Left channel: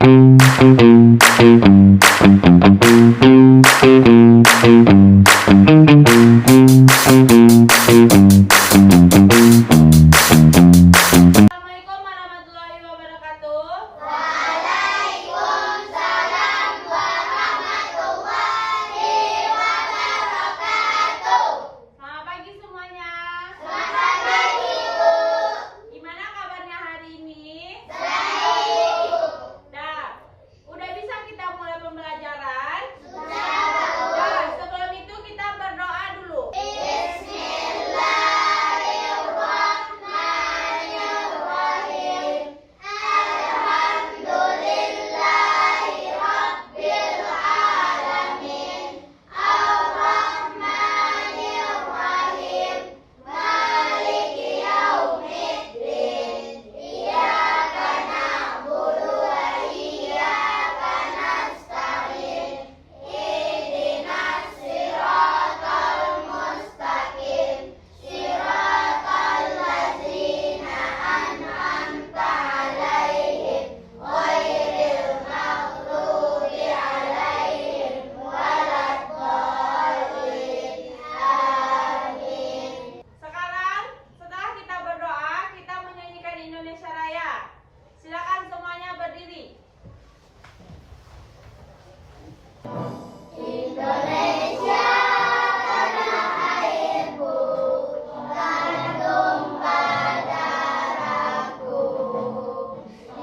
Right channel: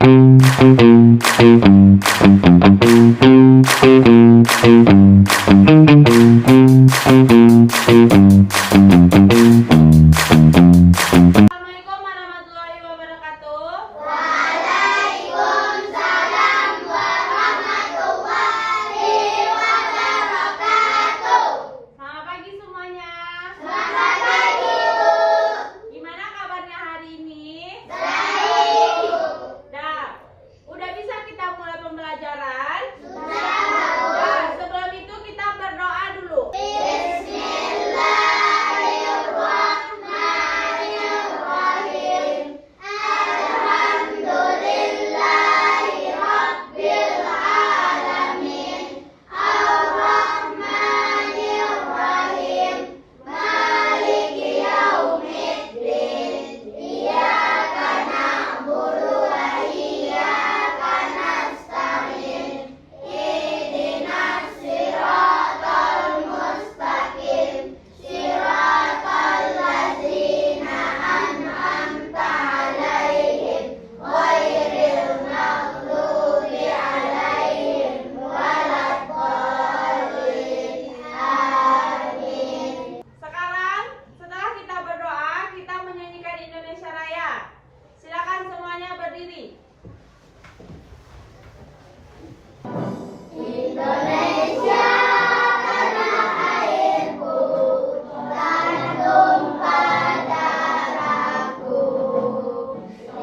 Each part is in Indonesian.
Assalamualaikum warahmatullahi wabarakatuh. Waalaikumsalam warahmatullahi wabarakatuh. Selamat pagi semuanya. Selamat pagi, Bu. Gimana kabarnya hari ini? Baik, Bu. Udah bisa kita mulai pembelajaran? Sudah. Nah, sebelum itu kita berdoa dulu. Bismillahirrahmanirrahim. Alhamdulillahirabbil alamin. Ar-Rahmanirrahim. Maliki yaumiddin. Iyyaka na'budu wa iyyaka nasta'in. Ihdinas siratal mustaqim. Siratal ladzina an'amta 'alaihim ghairil maghdubi 'alaihim waladdallin. Amin. Sekarang setelah kita berdoa, kita menyanyikan Indonesia Raya. Silakan semuanya berdiri. Indonesia tanah airku, tanah tumpah darahku.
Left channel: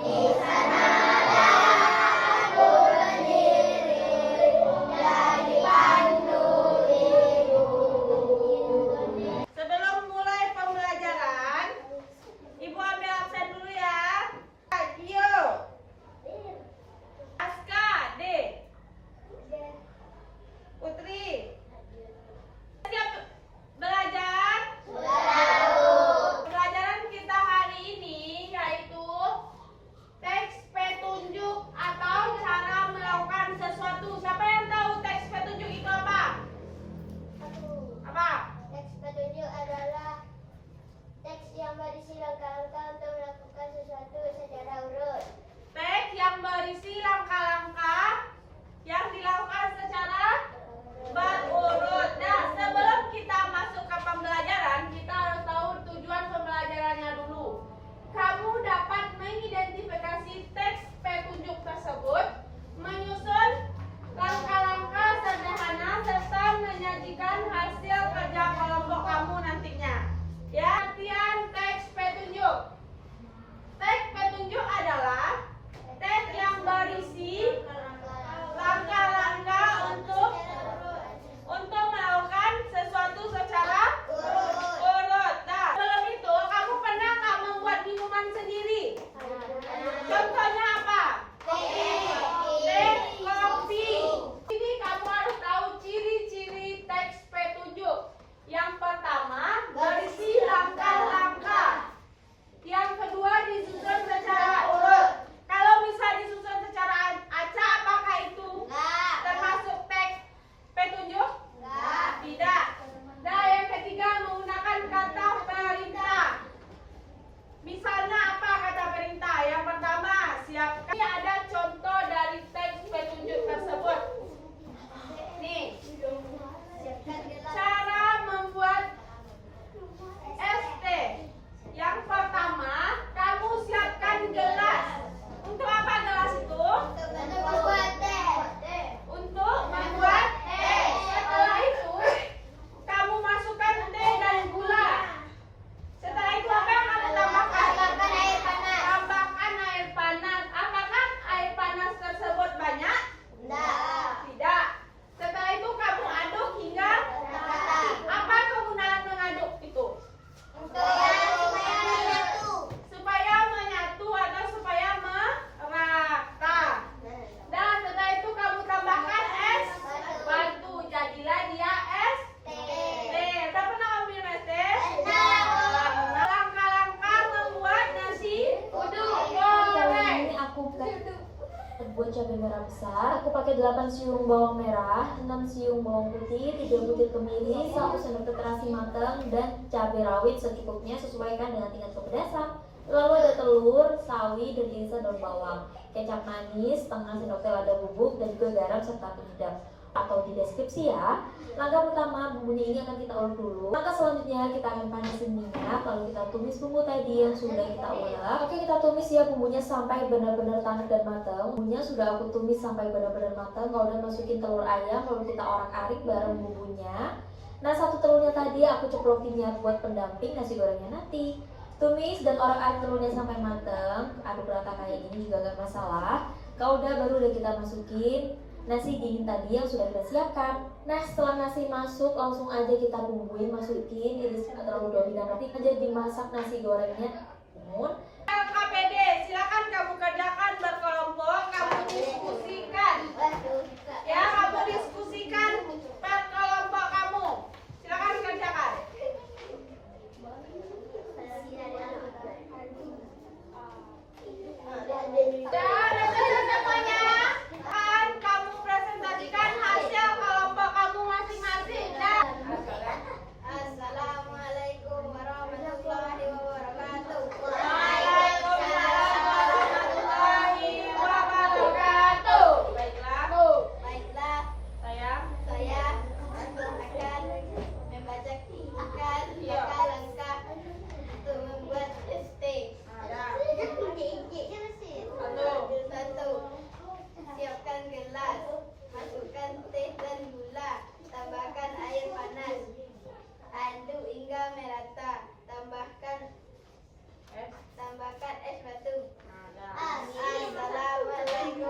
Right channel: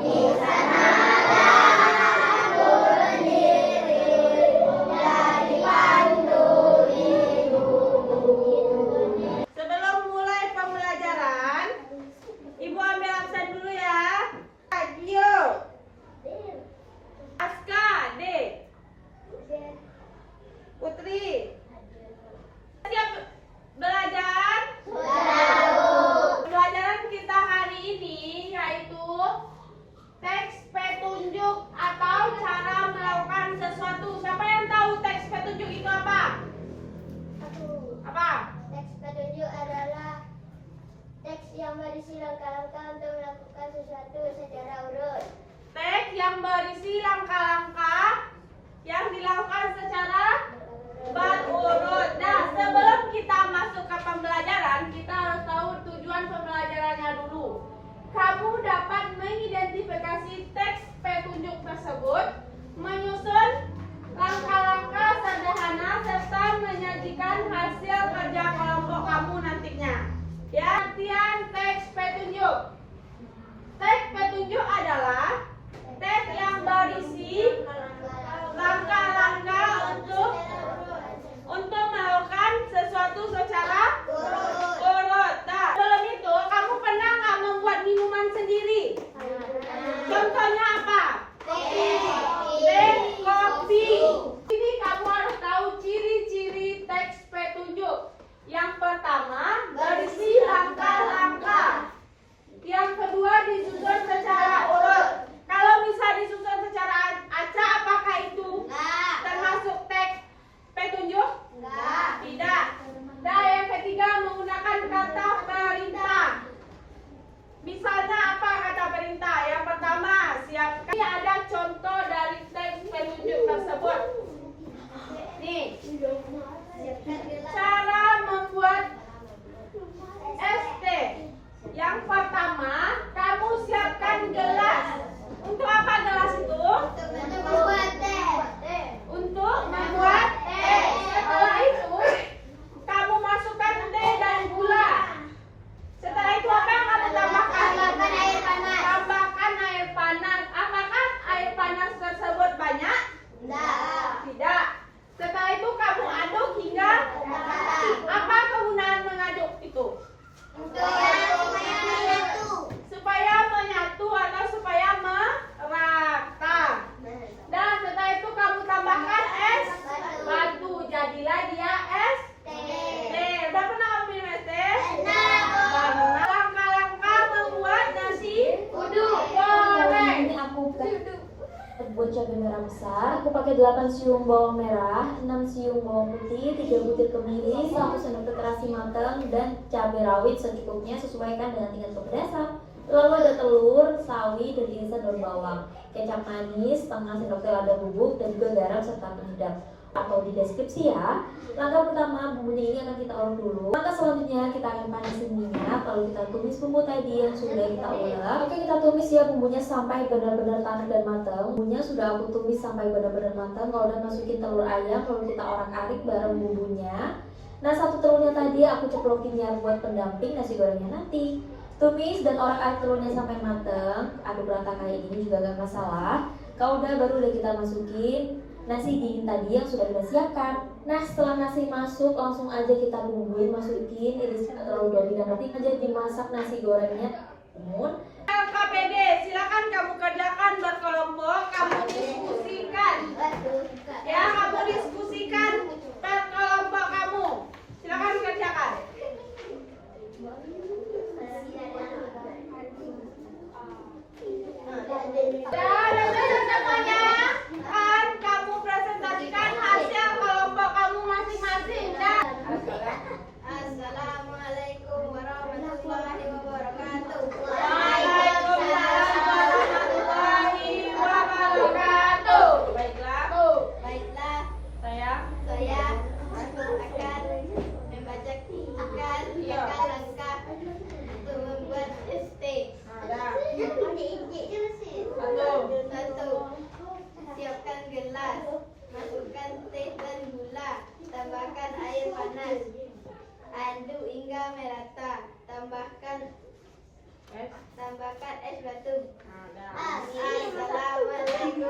Di sanalah aku berdiri dan dipandu ibuku. Sebelum mulai pembelajaran, Ibu ambil absen dulu ya. Gio, Aska, D, Putri. Siap belajar? Pembelajaran kita hari ini yaitu teks petunjuk atau cara melakukan sesuatu. Siapa yang tahu teks petunjuk itu apa? Apa? Teks petunjuk adalah teks yang berisi langkah-langkah untuk melakukan sesuatu secara urut. Teks yang berisi langkah-langkah yang dilakukan secara berurut. Nah, sebelum kita masuk ke pembelajaran, kita harus tahu tujuan pembelajarannya dulu. Kamu dapat mengidentifikasi teks petunjuk tersebut, menyusun langkah-langkah sederhana, serta menyajikan hasil kerja kelompok kamu nantinya. Ya, latihan teks petunjuk. Teks petunjuk adalah teks yang berisi langkah-langkah untuk melakukan sesuatu secara urut. Nah, sebelum itu kamu pernah nggak membuat minuman sendiri? Contohnya apa? Teh, kopi. Ini kamu harus tahu ciri-ciri teks petunjuk. Yang pertama, berisi langkah-langkah. Yang kedua, disusun secara urut. Kalau bisa disusun secara acak, apakah itu termasuk teks petunjuk? Tidak. Nah, yang ketiga, menggunakan kata perintah. Misalnya apa kata perintah? Yang pertama, siapkan. Ini ada contoh dari teks petunjuk tersebut. Nih, cara membuat es teh. Yang pertama, kamu siapkan gelas. Untuk apa gelas itu? Untuk membuat teh. Setelah itu, kamu masukkan teh dan gula. Setelah itu apa yang kamu tambahkan? Tambahkan air panas. Apakah air panas tersebut banyak? Tidak. Setelah itu kamu aduk hingga apa kegunaan mengaduk itu? Supaya menyatu atau supaya merata. Dan setelah itu kamu tambahkan es batu. Jadilah dia es teh. Udah pernah minum es teh? Langkah-langkah membuat nasi uduk goreng. Ini aku buat cabai merah besar. Aku pakai 8 siung bawang merah, 6 siung bawang putih, 3 butir kemiri, 1 sendok terasi matang, dan cabai rawit secukupnya, sesuaikan dengan tingkat kepedasan. Lalu ada telur, sawi, dan irisan daun bawang. kecap manis, setengah sendok teh lada bubuk, dan juga garam serta penyedap. Atau di deskripsi ya. Langkah pertama, bumbunya ini akan kita ulek dulu. Langkah selanjutnya kita akan panasin minyak, lalu kita tumis bumbu tadi yang sudah kita ulek. Oke, kita tumis ya bumbunya sampai benar-benar tanak dan matang. Bumbunya sudah aku tumis sampai benar-benar matang. Kalau udah masukin telur ayam, lalu kita orak-arik bareng bumbunya. Nah, satu telurnya tadi aku ceplokin ya buat pendamping nasi gorengnya nanti. Tumis dan orak-arik telurnya sampai matang. Aduk rata kayak gini juga gak masalah. Kalau udah, baru udah kita masukin nasi dingin tadi yang sudah kita siapkan. Nah, setelah nasi masuk, langsung aja kita bumbuin, masukin, iris terlalu doli dan nanti aja dimasak nasi gorengnya. LKPD, silakan kamu kerjakan berkelompok, kamu diskusikan. Ya, kamu diskusikan per kelompok kamu. Silakan kerjakan. Dan semuanya, kan kamu presentasikan hasil kelompok kamu masing-masing. Dan Assalamualaikum warahmatullahi wabarakatuh. Waalaikumsalam warahmatullahi wabarakatuh. Baiklah, Saya saya akan membacakan langkah-langkah untuk membuat ST. Satu, siapkan gelas, masukkan teh dan gula, tambahkan air panas, aduk hingga merata, tambahkan es batu. Assalamualaikum